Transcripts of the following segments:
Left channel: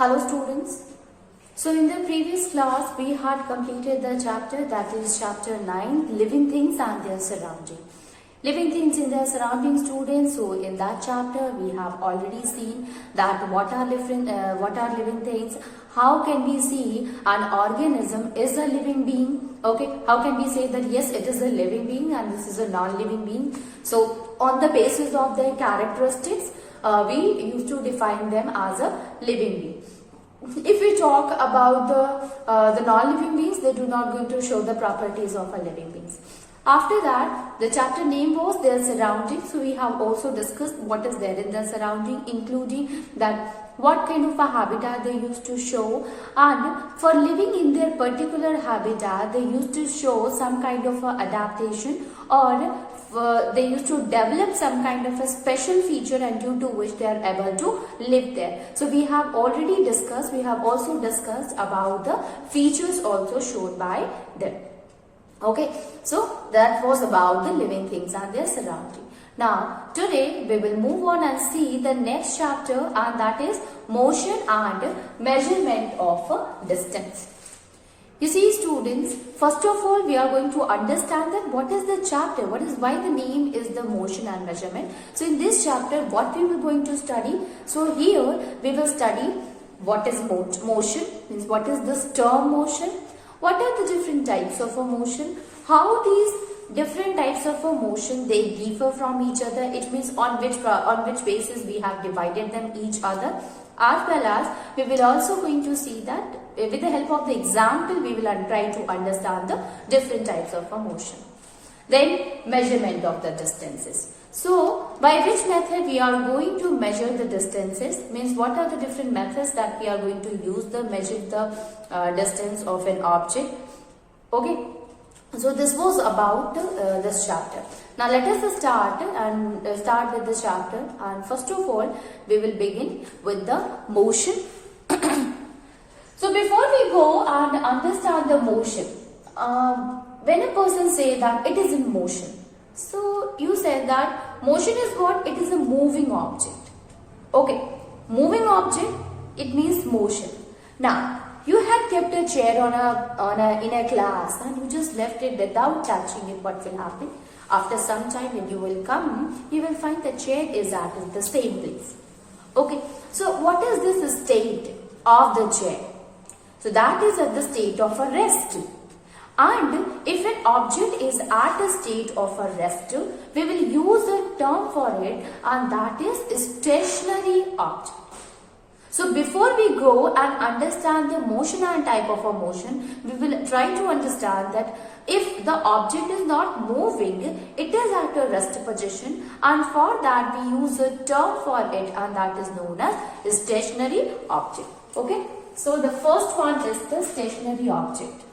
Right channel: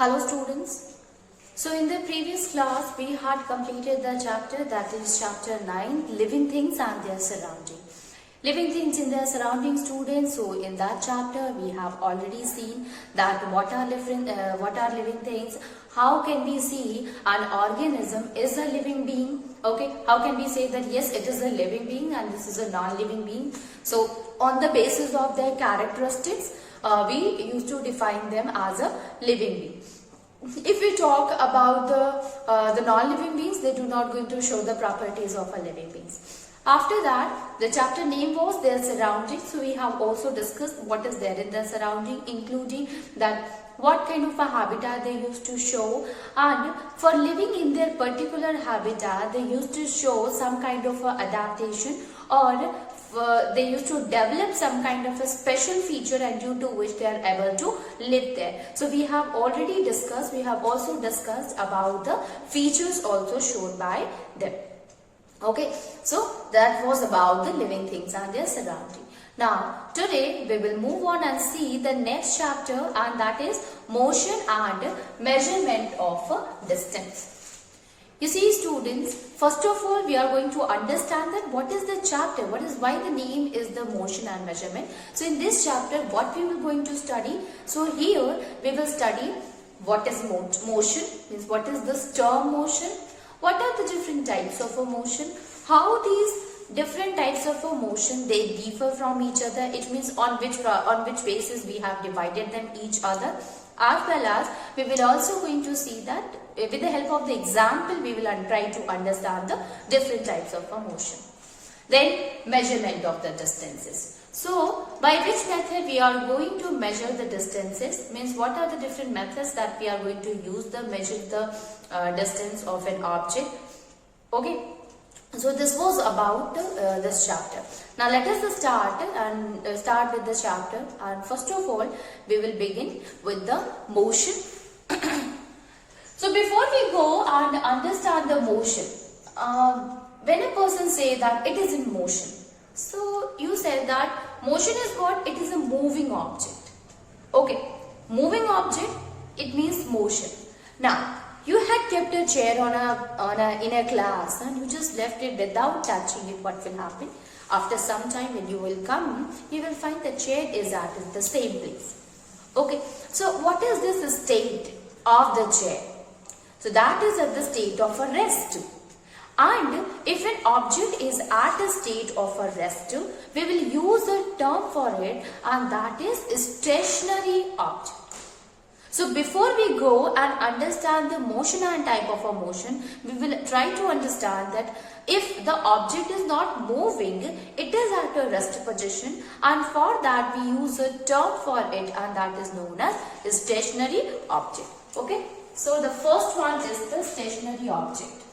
Hello students. So in the previous class we had completed the chapter, that is chapter 9, living things and their surrounding. Living things in their surrounding, students. So in that chapter we have already seen that what are living things, how can we see an organism is a living being, okay, how can we say that yes, it is a living being and this is a non-living being. So on the basis of their characteristics, we used to define them as a living being. If we talk about the non-living beings, they do not going to show the properties of a living beings. After that, the chapter name was their surroundings. So we have also discussed what is there in their surrounding, including that what kind of a habitat they used to show, and for living in their particular habitat they used to show some kind of a adaptation, or they used to develop some kind of a special feature and due to which they are able to live there. So we have already discussed, we have also discussed about the features also shown by them. Okay, so that was about the living things and their surrounding. Now today we will move on and see the next chapter, and that is motion and measurement of distance. You see students, first of all we are going to understand that what is the chapter, why the name is the motion and measurement. So in this chapter what we were going to study, so here we will study what is motion, means what is this term motion, what are the different types of a motion, how these different types of a motion they differ from each other, it means on which basis we have divided them each other, as well as we will also going to see that with the help of the example we will try to understand the different types of a motion. Then measurement of the distances. So by which method we are going to measure the distances, means what are the different methods that we are going to use to measure the distance of an object. Okay, so this was about this chapter. Now let us start with the chapter, and first of all we will begin with the motion. So before we go and understand the motion, when a person say that it is in motion, so you said that motion is what? It is a moving object. Okay, moving object, it means motion. Now you had kept a chair in a class and you just left it without touching it. What will happen? After some time when you will come, you will find the chair is at the same place. Okay, so what is this state of the chair? So that is at the state of a rest. And if an object is at a state of a rest, we will use a term for it, and that is stationary object. So before we go and understand the motion and type of a motion, we will try to understand that if the object is not moving, it is at a rest position, and for that we use a term for it, and that is known as stationary object. Okay, so the first one is the stationary object.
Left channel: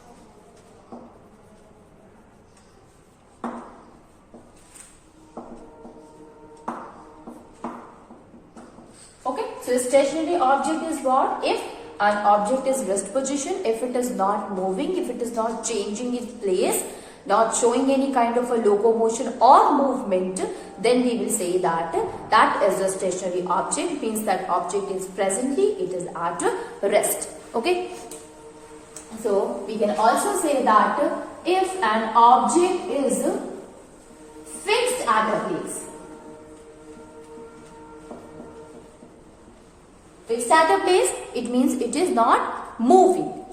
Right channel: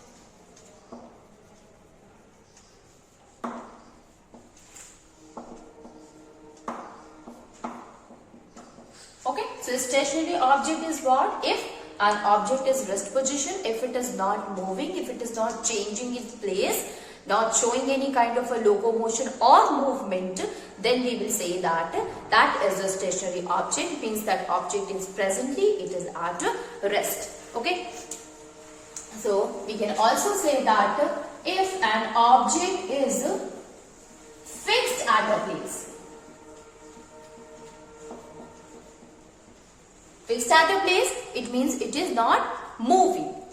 Okay, so stationary object is what? If an object is rest position, if it is not moving, if it is not changing its place, not showing any kind of a locomotion or movement, then we will say that that is a stationary object. It means that object is presently, it is at rest. Okay, so we can also say that if an object is fixed at a place, fixed at a place, it means it is not moving.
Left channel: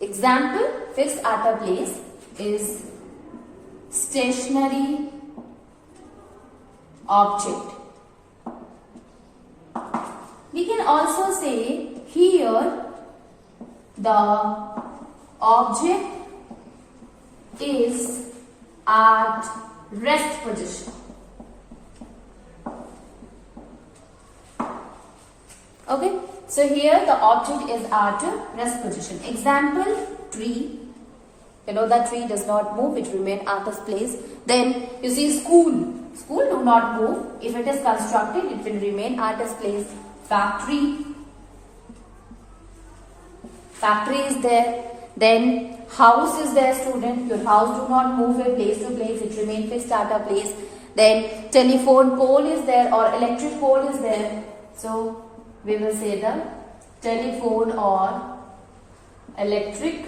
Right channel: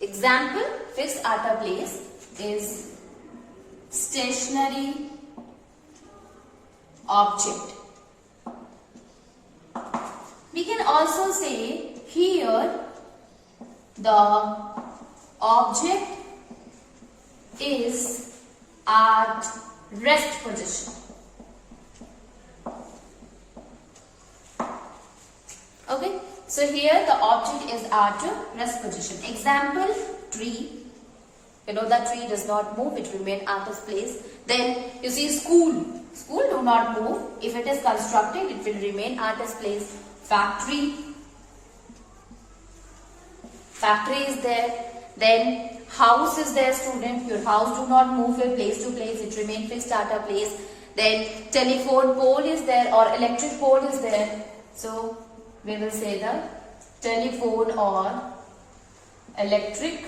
Example, fixed at a place is stationary object. We can also say here the object is at rest position. Okay, so here the object is at rest position. Example, tree. You know that tree does not move, it will remain at its place. Then you see school. School do not move. If it is constructed, it will remain at its place. Factory. Factory is there. Then house is there, student. Your house do not move it place to place, it remains fixed at a place. Then telephone pole is there, or electric pole is there. So we will say the telephone or electric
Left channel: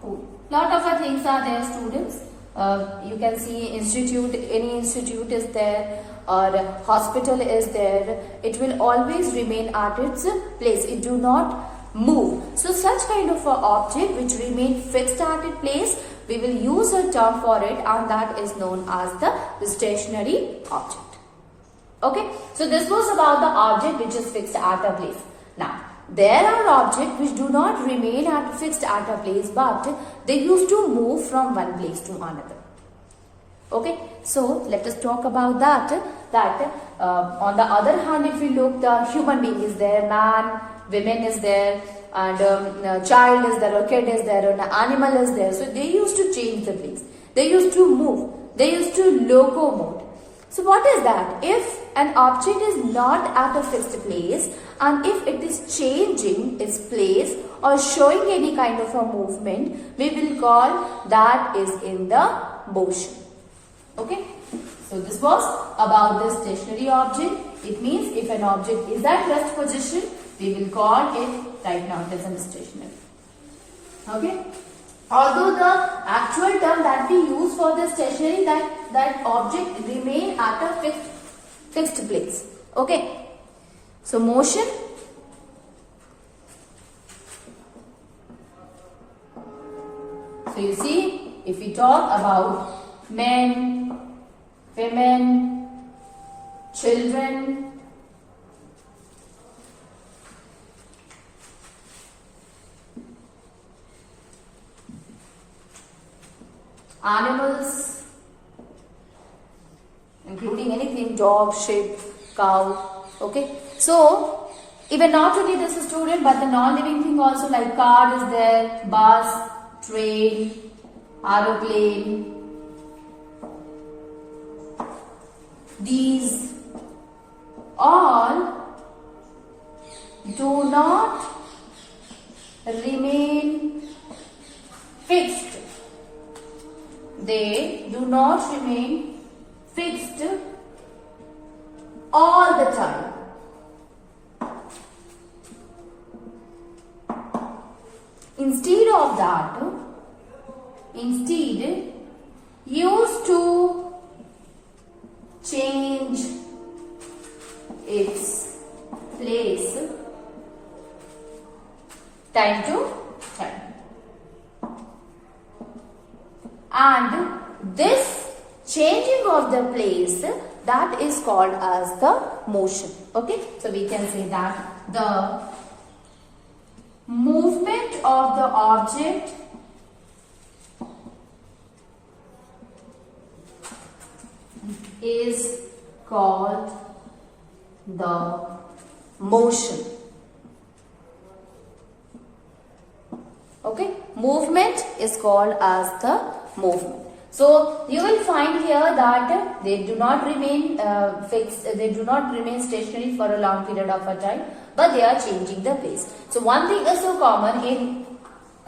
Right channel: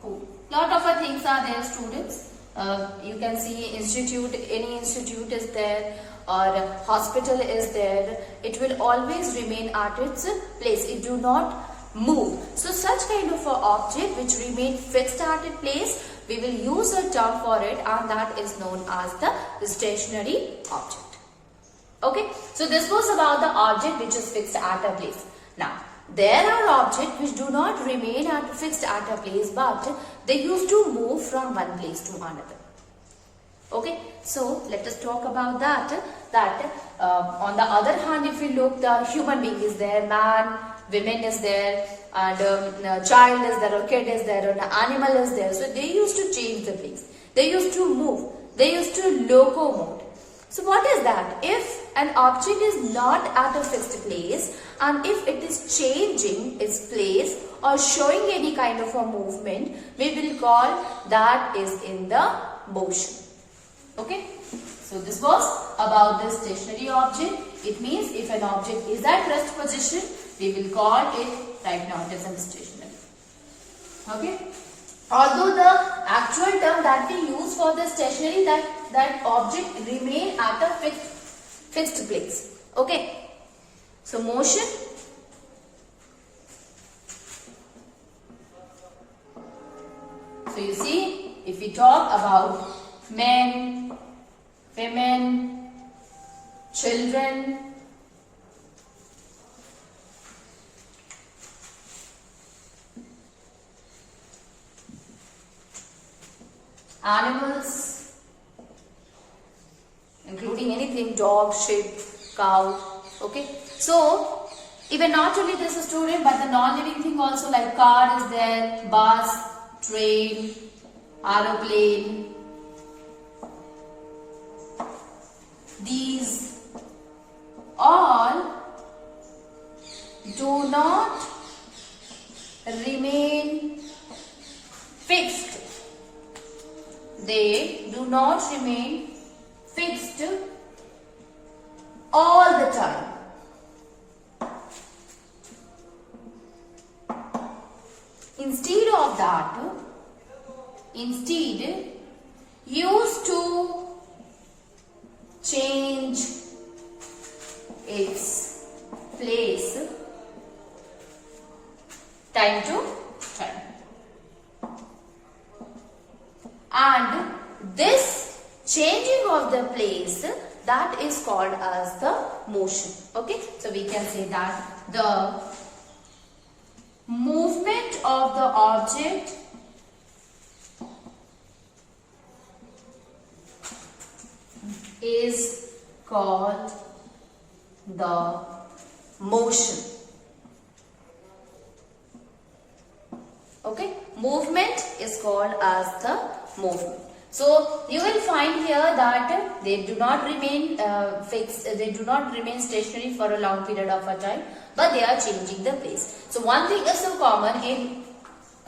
pole. Lot of things are there, students. You can see institute, any institute is there, or hospital is there. It will always remain at its place. It do not move. So such kind of a object which remain fixed at its place, we will use a term for it, and that is known as the stationary object. Okay, so this was about the object which is fixed at a place. Now, there are objects which do not remain fixed at a place, but they used to move from one place to another. Okay, so let us talk about that. On the other hand, if we look, the human being is there, man, women is there, and child is there, or kid is there, or an animal is there. So they used to change the place. They used to move. They used to locomote. So what is that? If an object is not at a fixed place, and if it is changing its place or showing any kind of a movement, we will call that is in the motion. Okay. So this was about the stationary object. It means if an object is at rest position, we will call it right now it is stationary. Okay. Although the actual term that we use for the stationary, that object remain at a fixed place. Okay. So motion. So you see, if we talk about men, women, children, animals, including anything, dog, sheep, cow. Okay. So even not only this student, but the non-living thing also, like car is there, bus, train, aeroplane. These all do not remain fixed. They do not remain fixed all the time. Instead of that, used to change its place time to time. And this changing of the place, that is called as the motion. Okay, so we can say that the movement of the object is called the motion. Okay, movement is called as the movement. So you will find here that they do not remain fixed, they do not remain stationary for a long period of a time, but they are changing the place. So one thing is so common in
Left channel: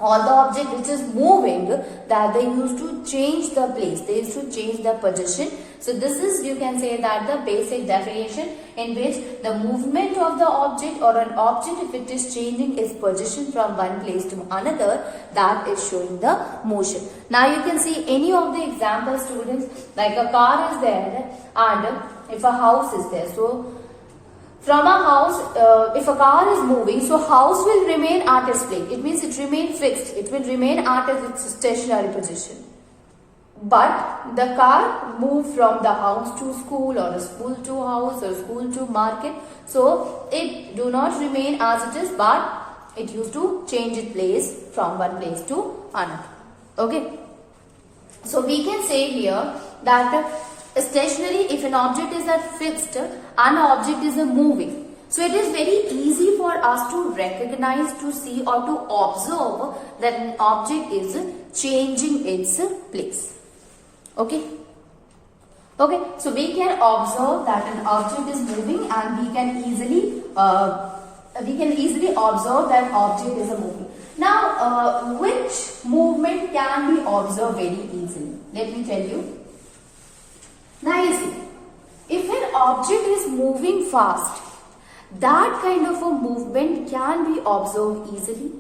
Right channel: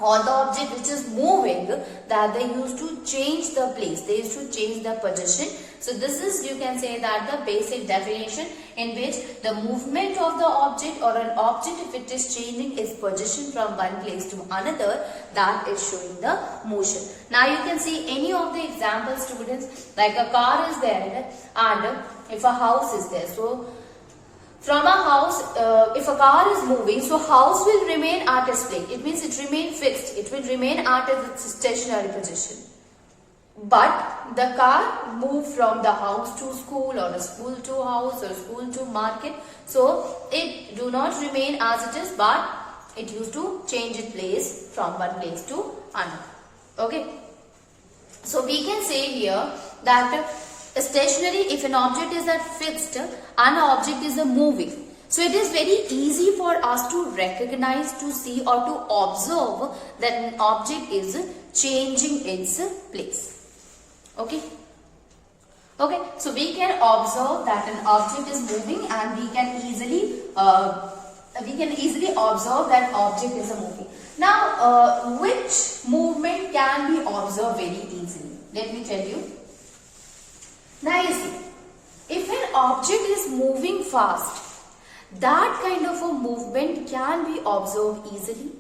all the object which is moving, that they used to change the place, they used to change the position. So this is, you can say that the basic definition in which the movement of the object or an object, if it is changing its position from one place to another, that is showing the motion. Now you can see any of the example, students, like a car is there and if a house is there. So from a house, if a car is moving, so house will remain at its place. It means it remains fixed. It will remain at its stationary position. But the car moved from the house to school, or a school to house, or school to market. So it do not remain as it is, but it used to change its place from one place to another. Okay. So we can say here that stationary, if an object is at fixed, an object is a moving. So it is very easy for us to recognize, to see, or to observe that an object is changing its place. Okay. Okay. So we can observe that an object is moving, and we can easily observe that object is a moving. Now, which movement can be observed very easily? Let me tell you. Now you see, if an object is moving fast, that kind of a movement can be observed easily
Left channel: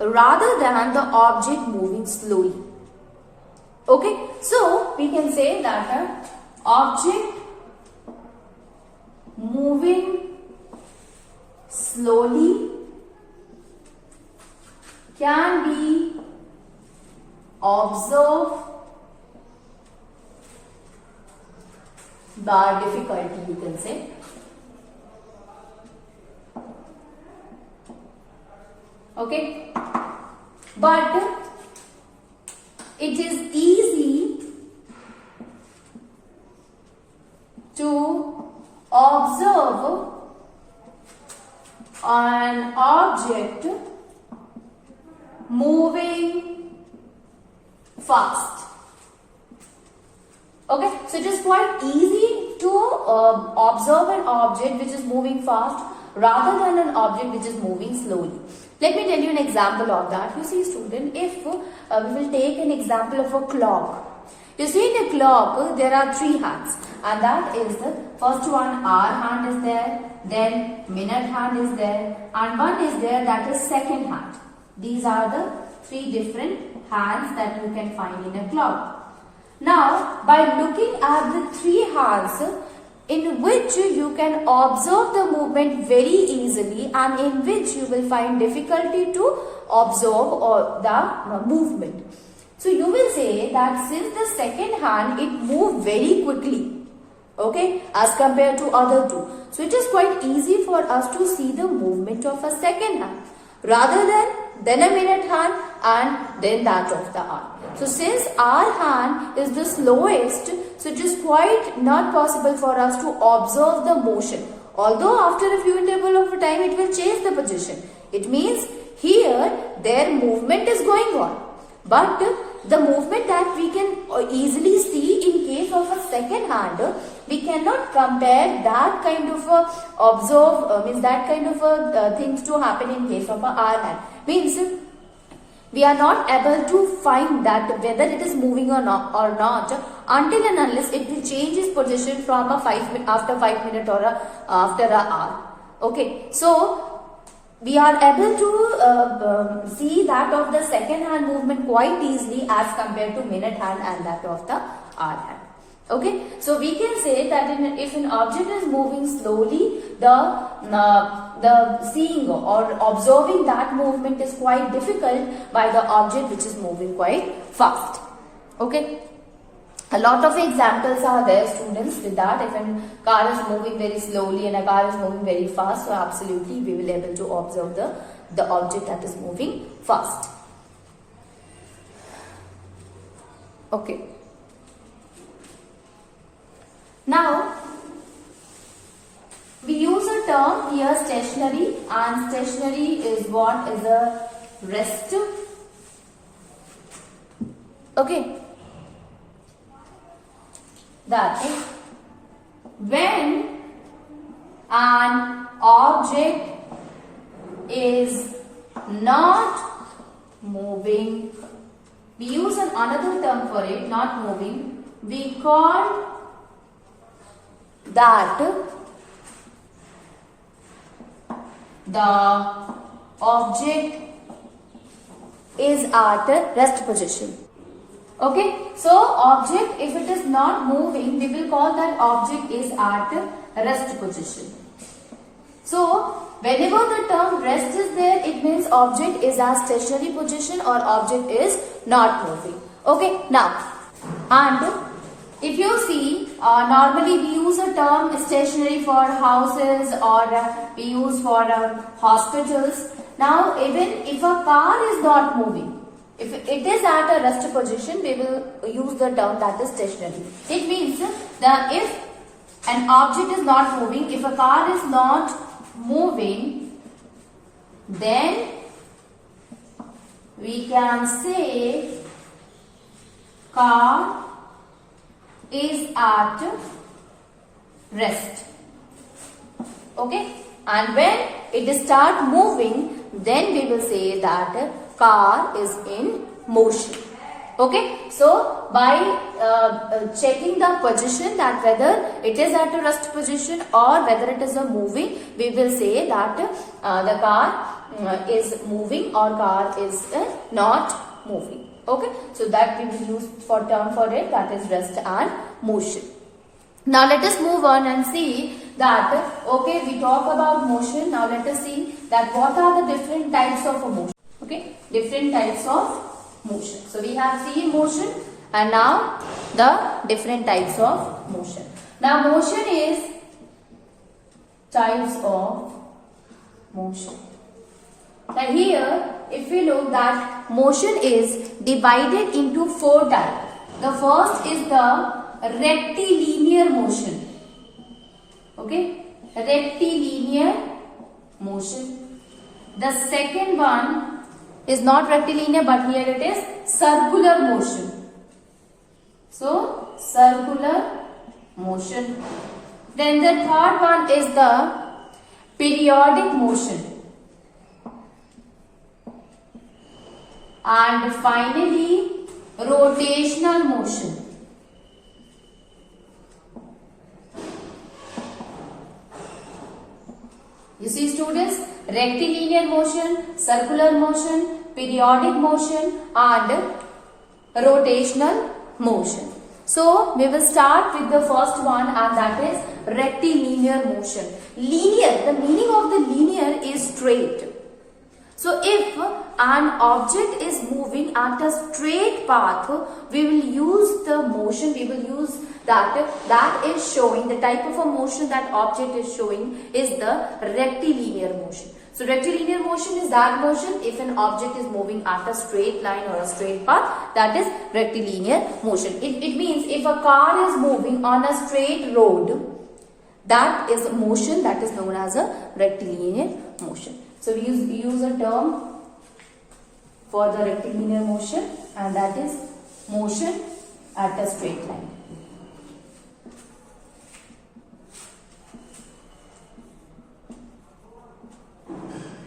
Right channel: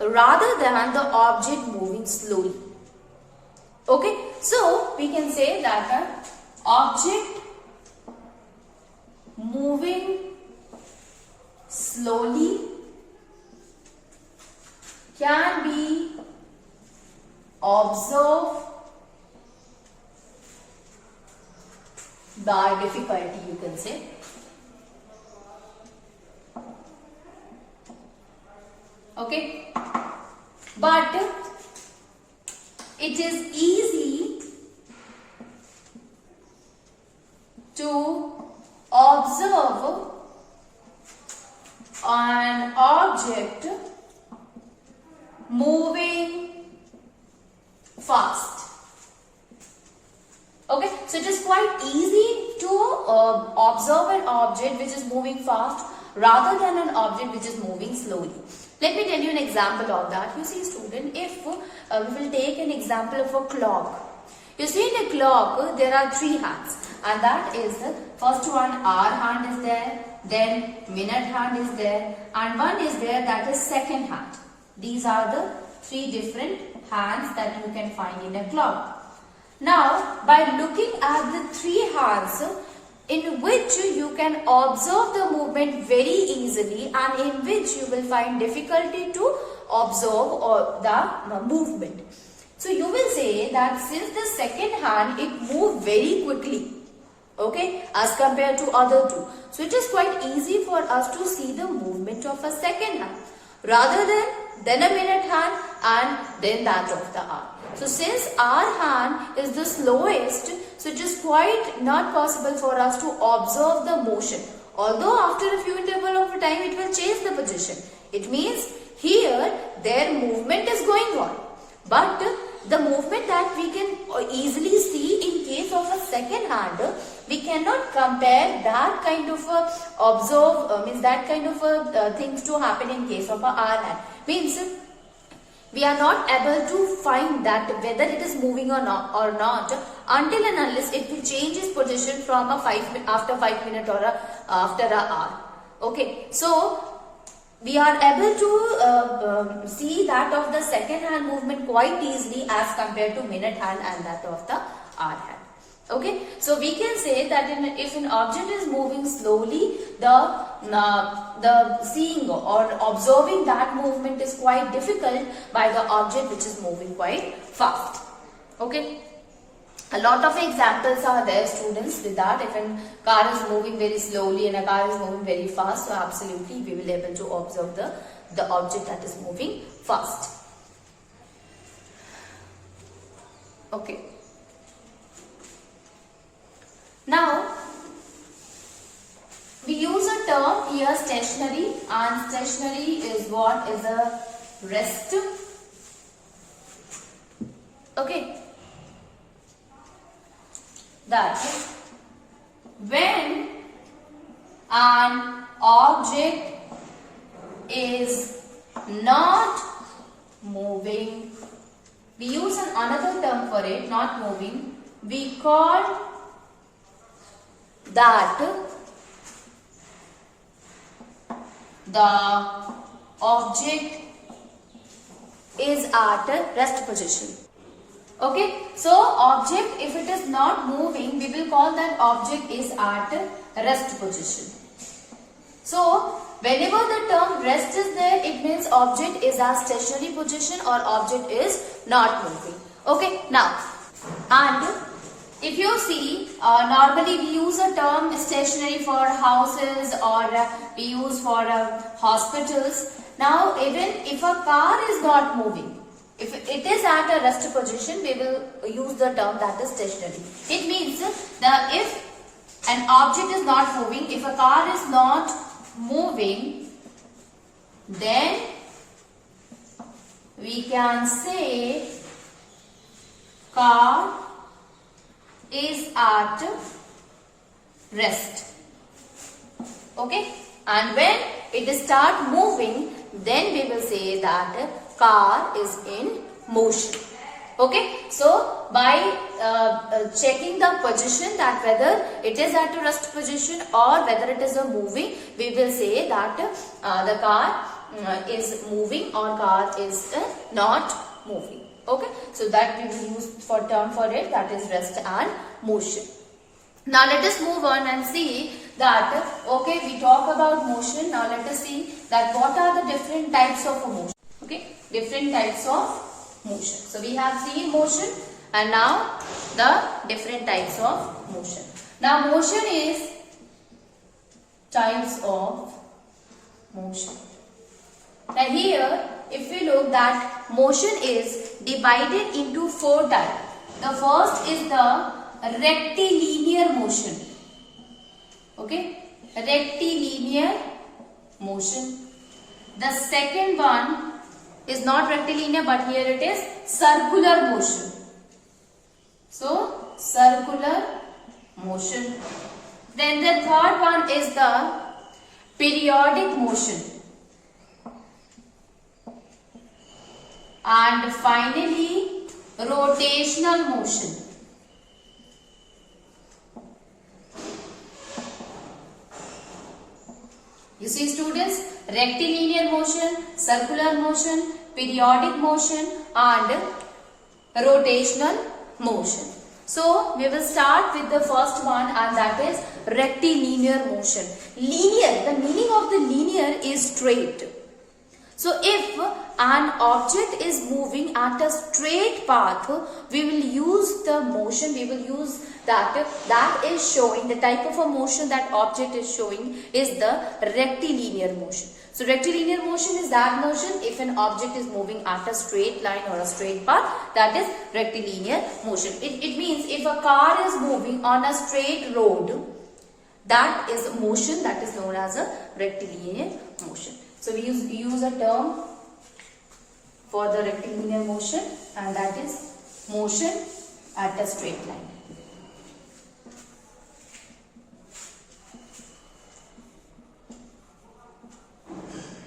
rather than the object moving slowly. Okay, so we can say that an object moving slowly can be observed by difficulty, you can say. Okay, but it is easy to observe an object moving fast. Okay, so it is quite easy to observe an object which is moving fast rather than an object which is moving slowly. Let me tell you an example of that. You see, student, if we will take an example of a clock. You see, in a clock there are 3 hands, and that is the first one, hour hand is there, then minute hand is there, and one is there, that is second hand. These are the 3 different hands that you can find in a clock. Now, by looking at the 3 hands, in which you can observe the movement very easily and in which you will find difficulty to observe the movement. So you will say that since the second hand, it moved very quickly, okay, as compared to other 2. So it is quite easy for us to see the movement of a second hand rather than a minute hand and then that of the hour. So since our hand is the slowest, so it is quite not possible for us to observe the motion. Although after a few interval of time it will change the position. It means here their movement is going on. But the movement that we can easily see in case of a second hand, we cannot compare that kind of that kind of things to happen in case of a hour hand. Means we are not able to find that whether it is moving or not until and unless it will change its position from after 5 minutes or after an hour. Okay, so we are able to see that of the second hand movement quite easily as compared to minute hand and that of the hour hand. Okay, so we can say that if an object is moving slowly, the seeing or observing that movement is quite difficult by the object which is moving quite fast. Okay, a lot of examples are there, students, with that. If a car is moving very slowly and a car is moving very fast, so absolutely we will be able to observe the object that is moving fast. Okay. Now, we use a term here, stationary, and stationary is what? Is a rest. Okay. That when an object is not moving, we use another term for it, not moving, we call that the object is at a rest position. Okay, so object, if it is not moving, we will call that object is at a rest position. So whenever the term rest is there, it means object is at stationary position or object is not moving. Okay, now, and if you see, normally we use a term stationary for houses or we use for hospitals. Now, even if a car is not moving, if it is at a rest position, we will use the term that is stationary. It means that if an object is not moving, if a car is not moving, then we can say car is at rest. Okay, and when it start moving, then we will say that car is in motion. Okay, so by checking the position, that whether it is at a rest position or whether it is a moving, we will say that the car is moving or car is not moving. Okay, so that we will use for term for it, that is rest and motion. Now let us move on and see that, okay, we talk about motion. Now let us see that what are the different types of motion. Okay, different types of motion. So we have seen motion and now the different types of motion. Now motion is types of motion. Now here if we look that motion is divided into 4 types. The first is the rectilinear motion. Okay, rectilinear motion. The second one is not rectilinear, but here it is circular motion. So circular motion. Then the third one is the periodic motion. And finally rotational motion. You see students, rectilinear motion, circular motion, periodic motion and rotational motion. So we will start with the first one, and that is rectilinear motion. Linear, the meaning of the linear is straight. So if an object is moving at a straight path, we will use the motion, we will use that is showing, the type of a motion that object is showing is the rectilinear motion. So rectilinear motion is that motion if an object is moving at a straight line or a straight path, that is rectilinear motion. It means if a car is moving on a straight road, that is a motion that is known as a rectilinear motion. So we use a term for the rectilinear motion, and that is motion at a straight line.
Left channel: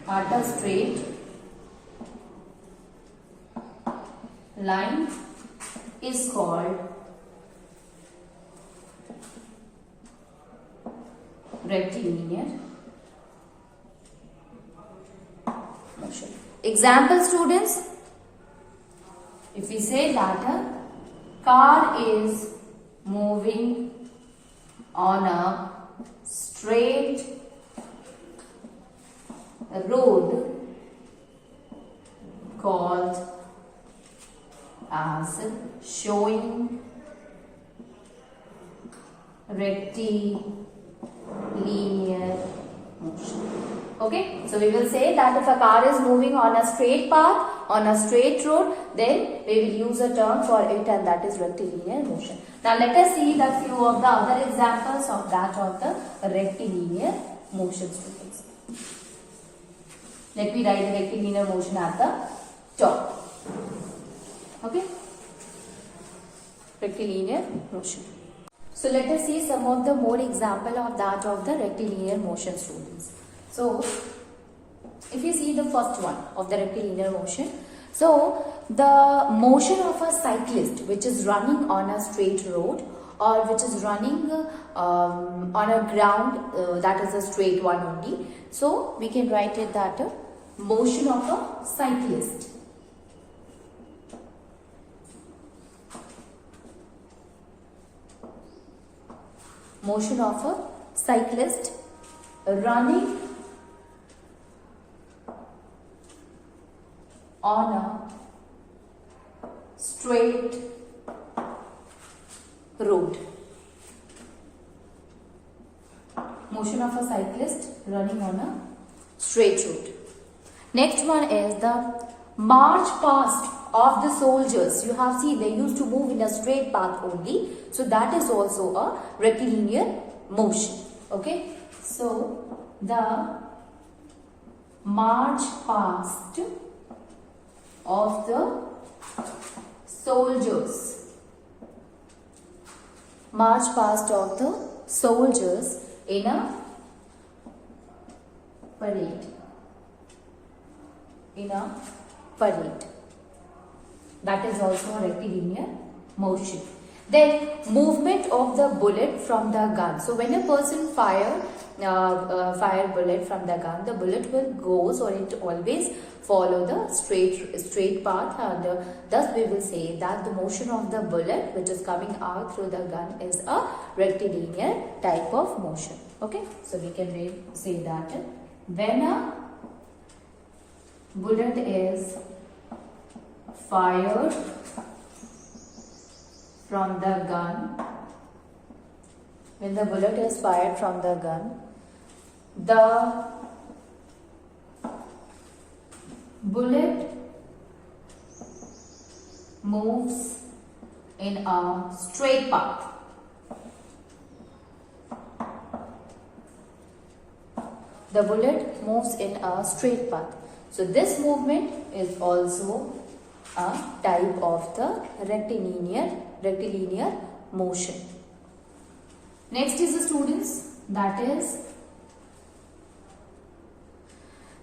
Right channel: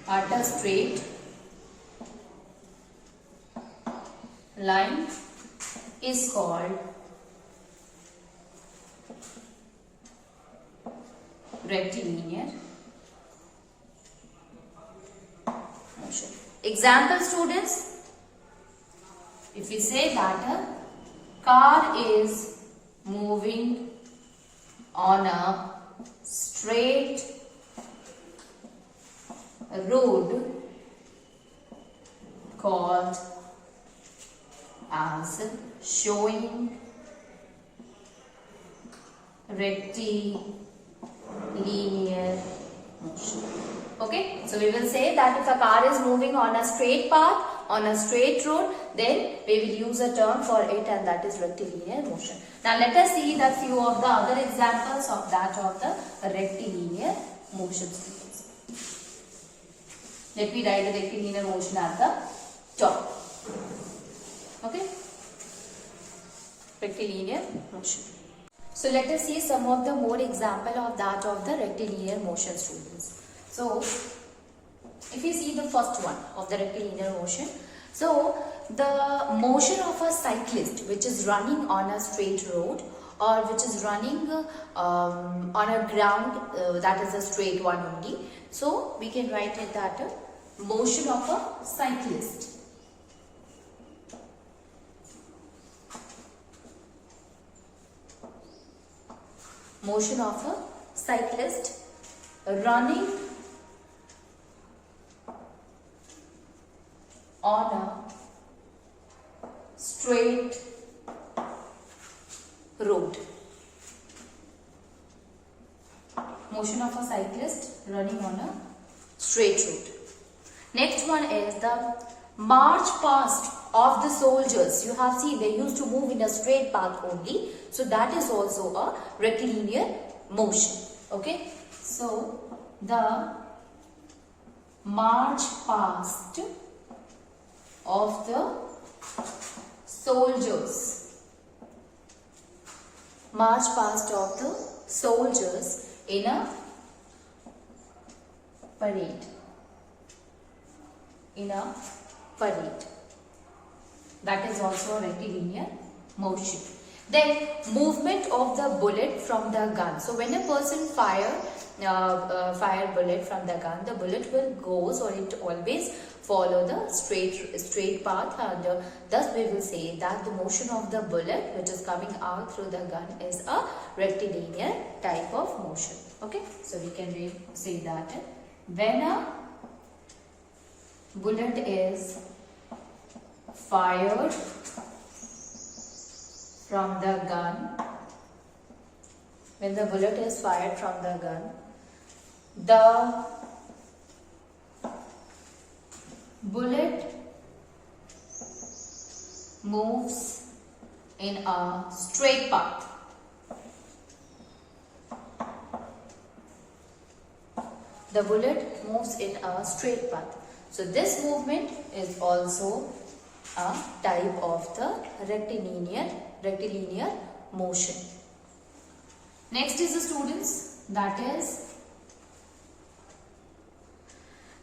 At a straight line is called rectilinear motion. Example students, if we say that a car is moving on a straight road called as showing rectilinear motion. Okay, so we will say that if a car is moving on a straight path, on a straight road, then we will use a term for it, and that is rectilinear motion. Now let us see the few of the other examples of that of the rectilinear motion students. Let me write the rectilinear motion at the top. Okay, rectilinear motion. So let us see some of the more example of that of the rectilinear motion students. So if you see the first one of the rectilinear motion, so the motion of a cyclist which is running on a straight road or which is running on a ground that is a straight one only. So we can write it that motion of a cyclist. Motion of a cyclist running on a straight road. Motion of a cyclist running on a straight road. Next one is the march past of the soldiers. You have seen they used to move in a straight path only. So that is also a rectilinear motion. Okay. So the march past of the soldiers. March past of the soldiers in a parade. In a parade. That is also a rectilinear motion. Then movement of the bullet from the gun. So when a person fire bullet from the gun, the bullet will goes, or it always follow the straight path, and thus we will say that the motion of the bullet which is coming out through the gun is a rectilinear type of motion. Okay, so we can say that when a bullet is fired from the gun, when the bullet is fired from the gun, the bullet moves in a straight path. The bullet moves in a straight path. So this movement is also a type of the rectilinear motion. Next is the students, that is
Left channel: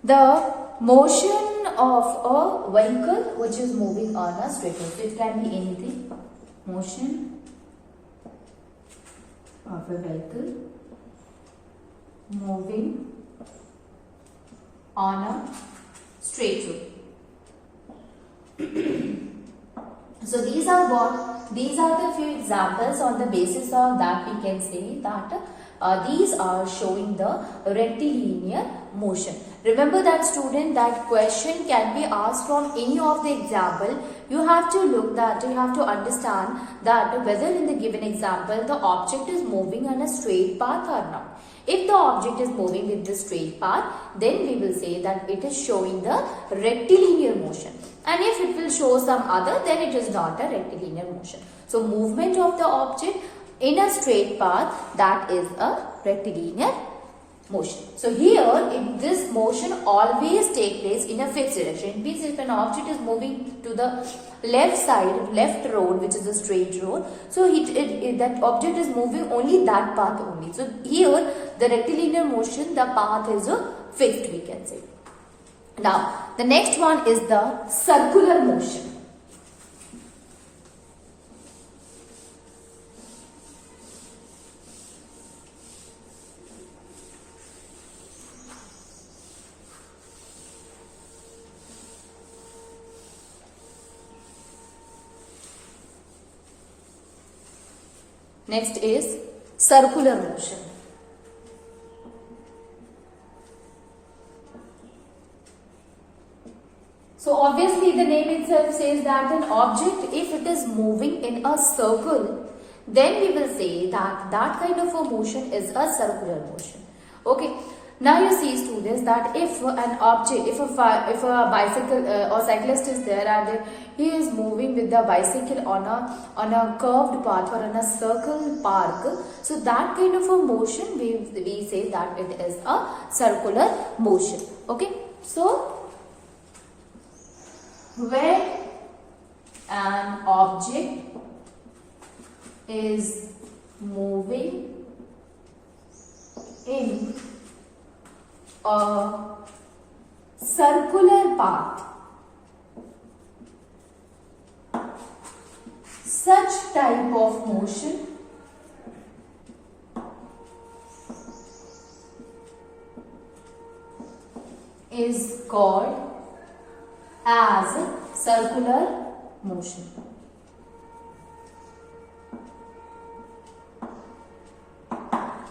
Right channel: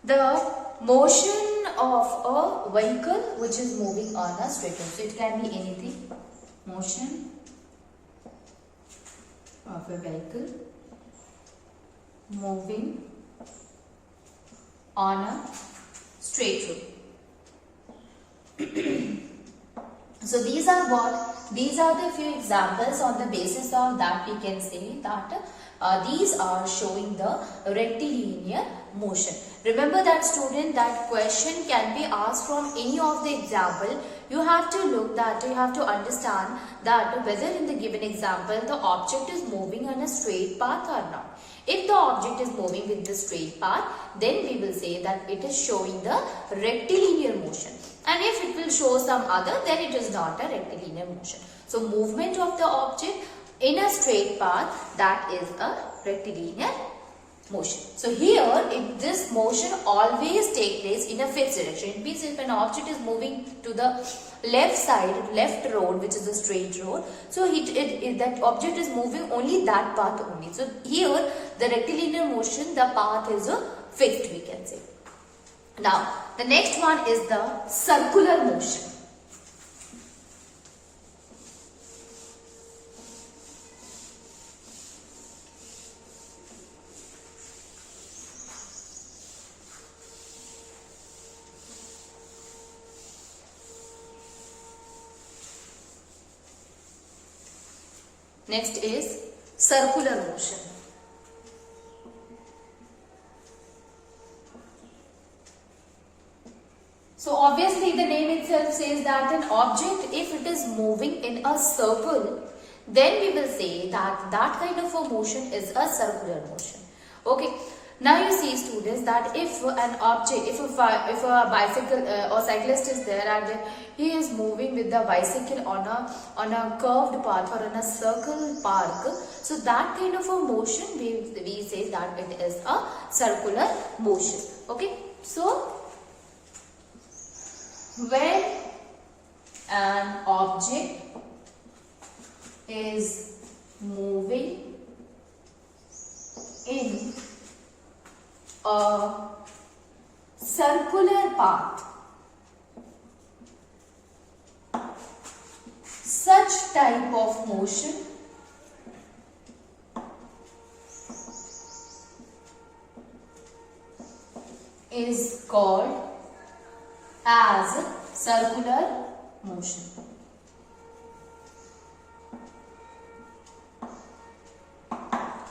the motion of a vehicle which is moving on a straight line. So it can be anything. Motion of a vehicle moving on a straight road. So these are what? These are the few examples. On the basis of that we can say that these are showing the rectilinear motion. Remember that student, that question can be asked from any of the example. You have to look that, you have to understand that whether in the given example the object is moving on a straight path or not. If the object is moving with the straight path, then we will say that it is showing the rectilinear motion. And if it will show some other, then it is not a rectilinear motion. So movement of the object in a straight path, that is a rectilinear motion. So here, if this motion always take place in a fixed direction, it means if an object is moving to the left side, left road, which is a straight road, so that object is moving only that path only. So here, the rectilinear motion, the path is a fixed, we can say. Now, the next one is the circular motion. Next is circular motion. So obviously the name itself says that an object, if it is moving in a circle, then we will say that that kind of a motion is a circular motion. Okay. Now you see students that if an object, if a bicycle or cyclist is there and he is moving with the bicycle on a curved path or on a circle park, so that kind of a motion we say that it is a circular motion. Okay, so when an object is moving in a circular path, such type of motion is called as circular motion.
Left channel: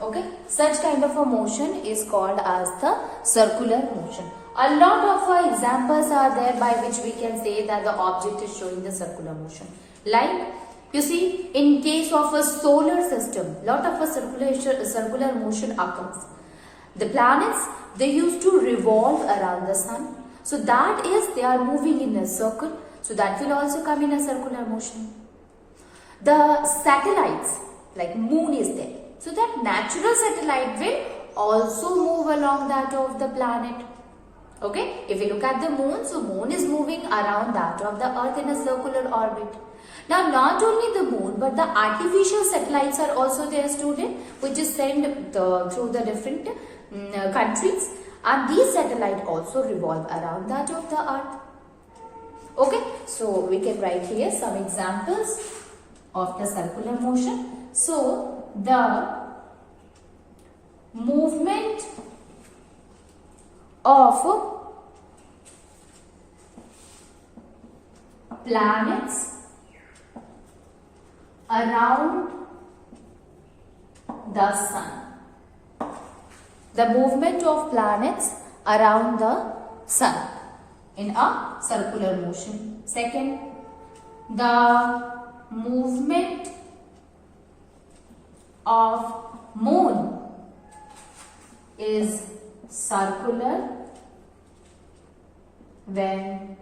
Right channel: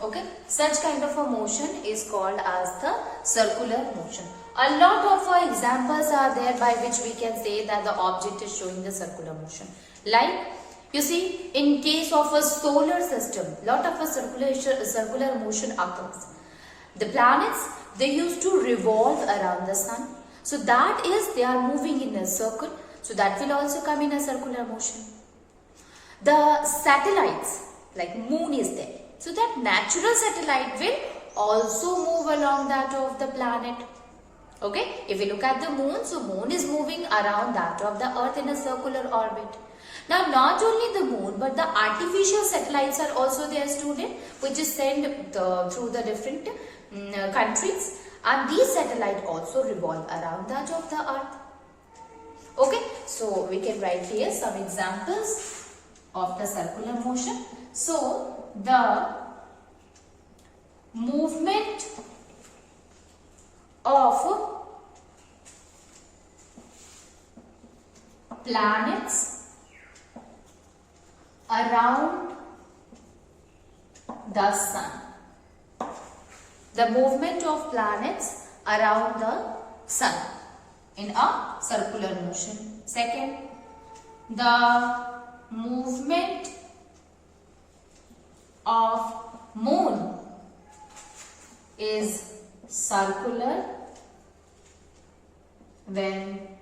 Okay, such kind of a motion is called as the circular motion. A lot of examples are there by which we can say that the object is showing the circular motion. Like, you see, in case of a solar system, lot of a circular motion occurs. The planets, they used to revolve around the sun. So that is, they are moving in a circle. So that will also come in a circular motion. The satellites, like moon is there. So that natural satellite will also move along that of the planet. Okay, if you look at the moon, so moon is moving around that of the earth in a circular orbit. Now not only the moon, but the artificial satellites are also there, student, which is sent through the different countries, and these satellites also revolve around that of the earth. Okay, so we can write here some examples of the circular motion. So the movement of planets around the sun. The movement of planets around the sun in a circular motion. Second, the movement of moon is circular when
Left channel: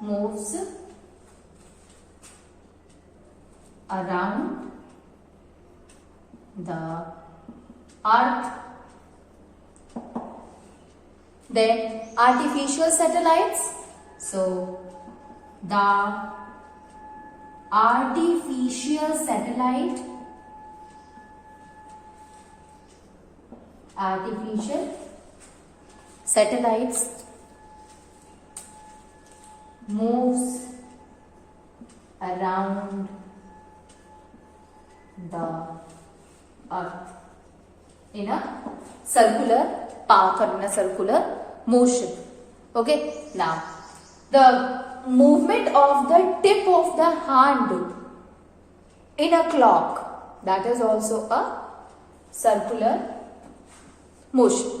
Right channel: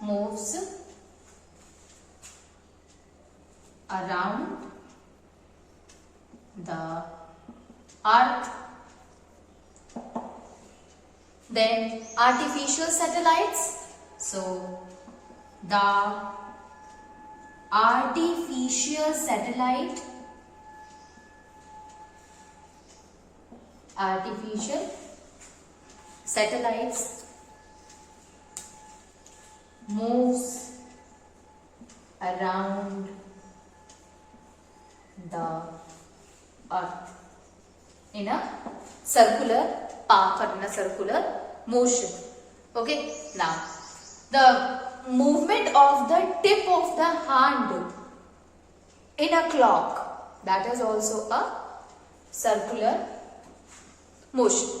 moves around the earth. Then artificial satellites. So the artificial satellites moves around the earth in a circular path or in a circular motion. Okay, now the movement of the tip of the hand in a clock, that is also a circular motion.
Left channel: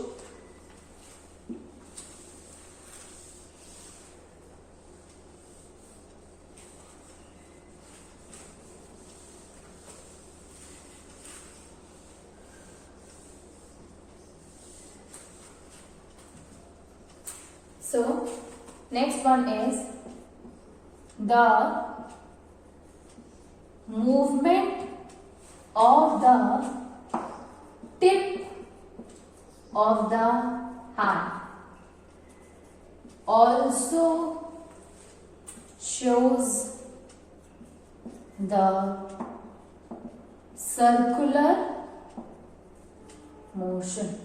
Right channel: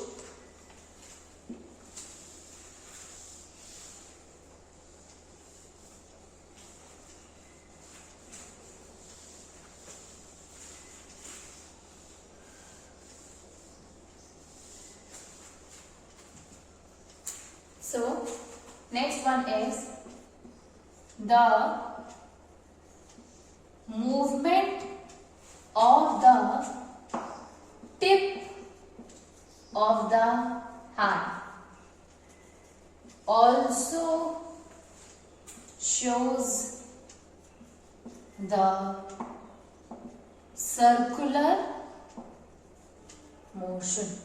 So next one is the movement of the tip of the hand also shows the circular motion.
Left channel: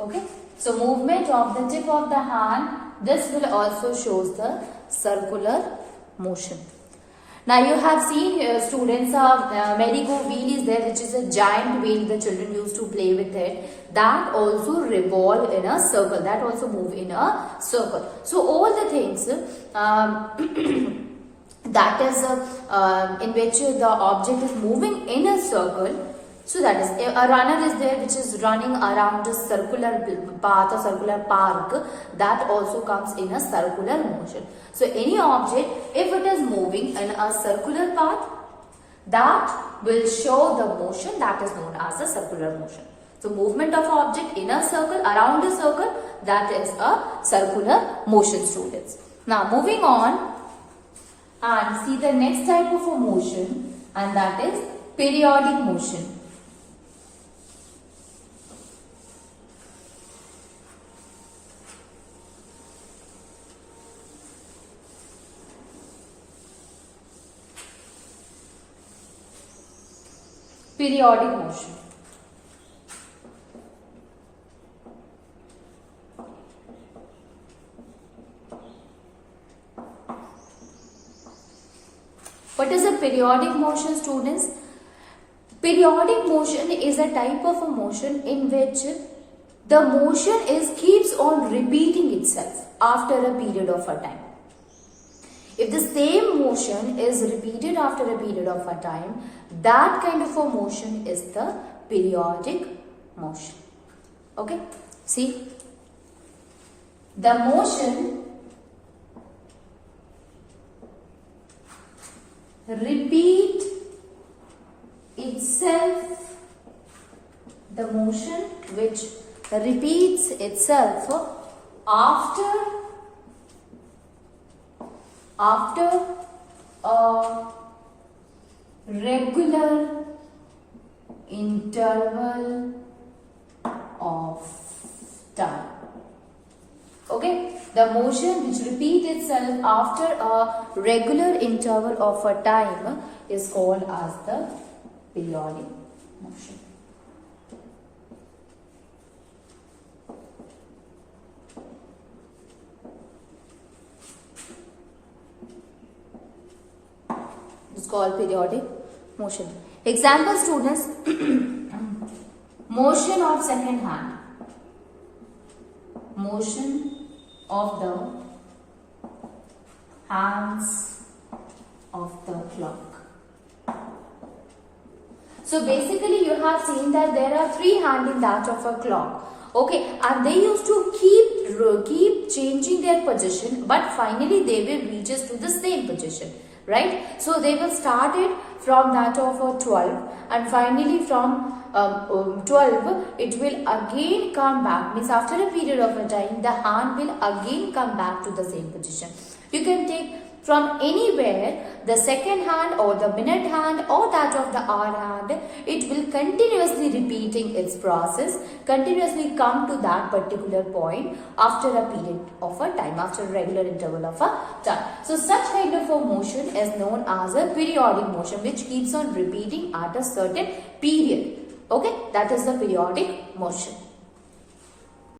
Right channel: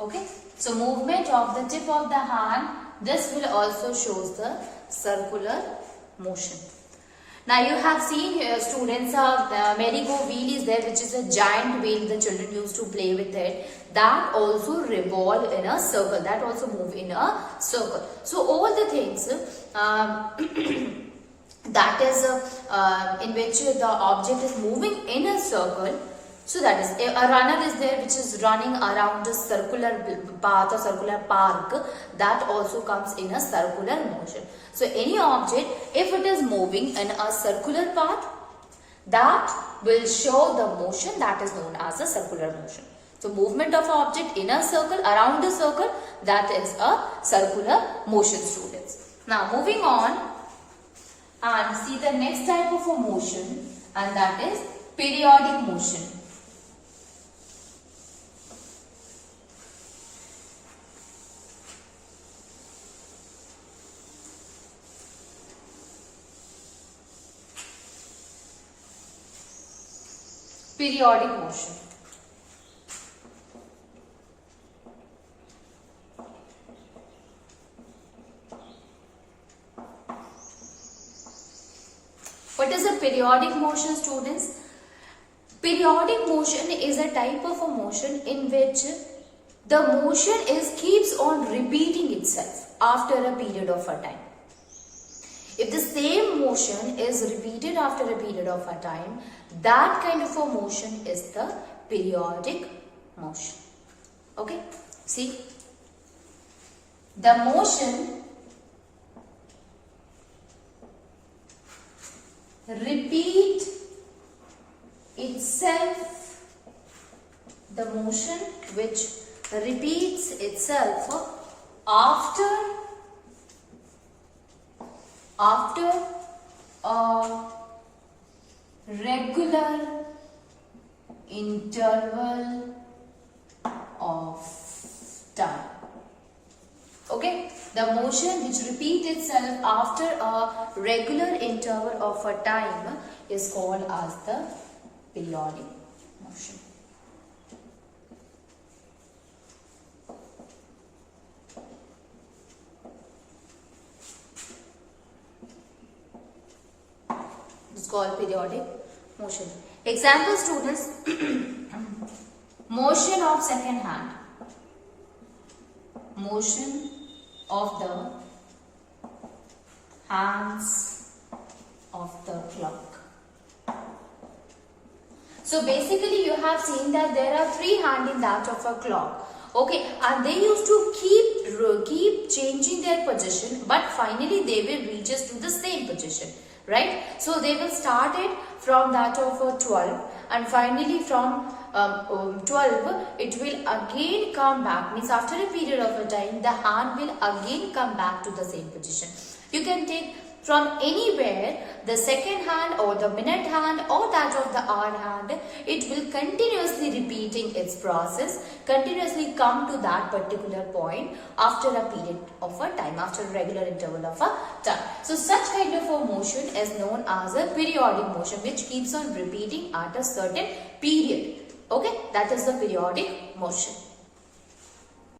Okay, so movement of the tip of the hand, this will also shows the circular motion. Now you have seen here students, merry-go wheel is there, which is a giant wheel the children used to play with it. That also revolve in a circle, that also move in a circle. So all the things that is in which the object is moving in a circle. So that is, a runner is there which is running around a circular path or circular park, that also comes in a circular motion. So any object, if it is moving in a circular path, that will show the motion that is known as a circular motion. So movement of object in a circle, around a circle, that is a circular motion, students. Now moving on and see the next type of a motion, and that is periodic motion. Periodic motion. What is a periodic motion, students? Periodic motion is a type of a motion in which the motion keeps on repeating itself after a period of a time. If the same motion is repeated after a period of a time, that kind of a motion is the periodic motion. Okay, see, the motion repeat itself, the motion which repeats itself after a regular interval of time. Okay, the motion which repeats itself after a regular interval of a time is called as the periodic motion. called periodic motion. Example students, motion of second hand, motion of the hands of the clock. So basically you have seen that there are 3 hands in that of a clock. Okay, and they used to keep changing their position, but finally they will reach us to the same position, right? So they will start it from that of a 12, and finally from 12 it will again come back, means after a period of a time the hand will again come back to the same position. You can take from anywhere the second hand or the minute hand or that of the hour hand. It will continuously repeating its process, continuously come to that particular point after a period of a time, after a regular interval of a time. So such kind of a motion is known as a periodic motion, which keeps on repeating at a certain period. Okay, that is the periodic motion.